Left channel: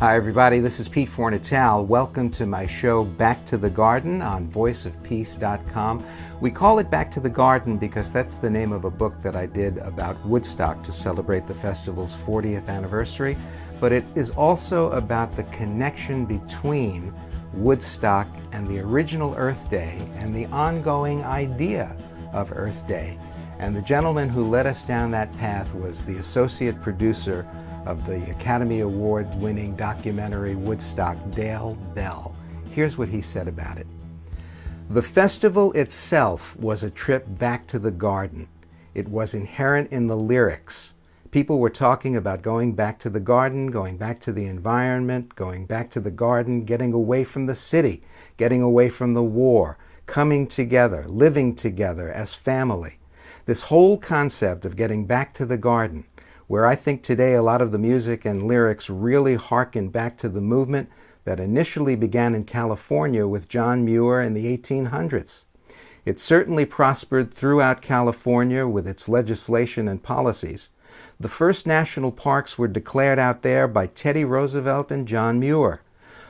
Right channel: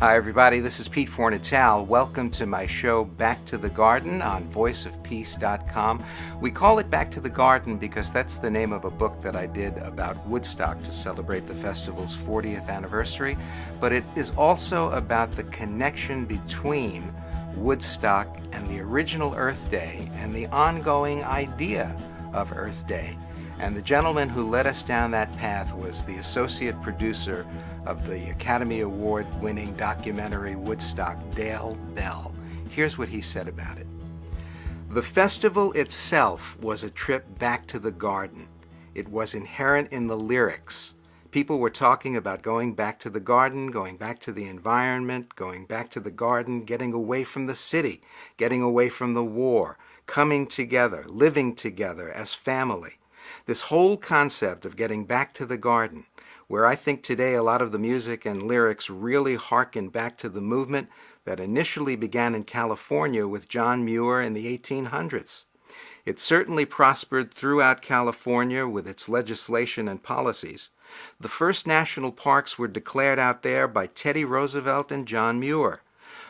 Hi everybody, this is Pete Fornatale. Welcome to my show Back to the Garden on voiceofpeace.com. We call it Back to the Garden because that's the name of a book that I did about Woodstock to celebrate the festival's 40th anniversary, but it is also about the connection between Woodstock and the original Earth Day and the ongoing idea of Earth Day. And the gentleman who led us down that path was the associate producer of the Academy Award-winning documentary Woodstock, Dale Bell. Here's what he said about it. The festival itself was a trip back to the garden. It was inherent in the lyrics. People were talking about going back to the garden, going back to the environment, going back to the garden, getting away from the city, getting away from the war, coming together, living together as family. This whole concept of getting back to the garden, where I think today a lot of the music and lyrics really harken back to the movement that initially began in California with John Muir in the 1800s. It certainly prospered throughout California with its legislation and policies. The first national parks were declared out there by Teddy Roosevelt and John Muir.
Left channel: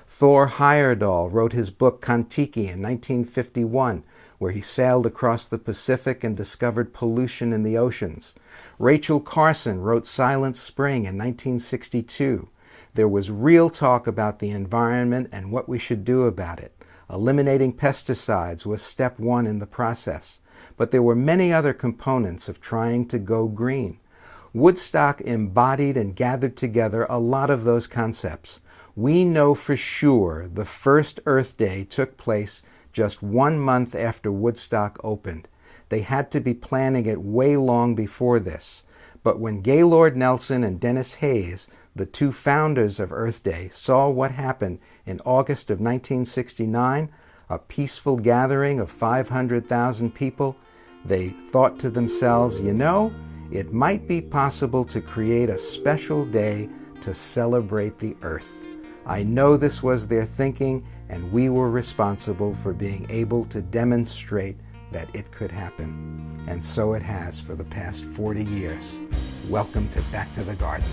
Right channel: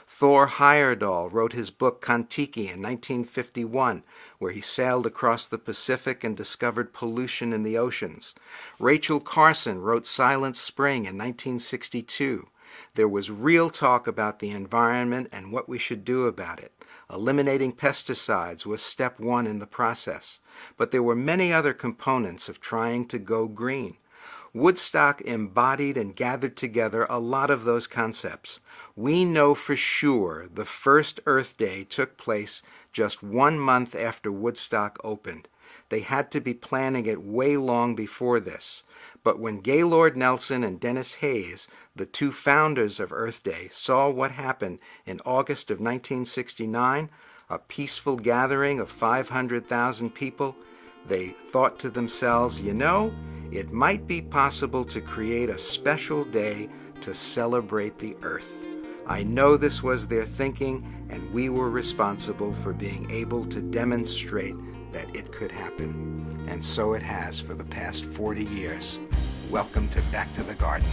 Thor Heyerdahl wrote his book Kon-Tiki in 1951, where he sailed across the Pacific and discovered pollution in the oceans. Rachel Carson wrote Silent Spring in 1962. There was real talk about the environment and what we should do about it. Eliminating pesticides was step one in the process. But there were many other components of trying to go green. Woodstock embodied and gathered together a lot of those concepts. We know for sure the first Earth Day took place just 1 month after Woodstock opened. They had to be planning it way long before this. But when Gaylord Nelson and Dennis Hayes, the two founders of Earth Day, saw what happened in August of 1969, a peaceful gathering of 500,000 people, they thought to themselves, you know, it might be possible to create a special day to celebrate the Earth. I know this was their thinking, and we were responsible for being able to demonstrate that it could happen. And so it has for the past 40 years. Welcome to Back to the Garden.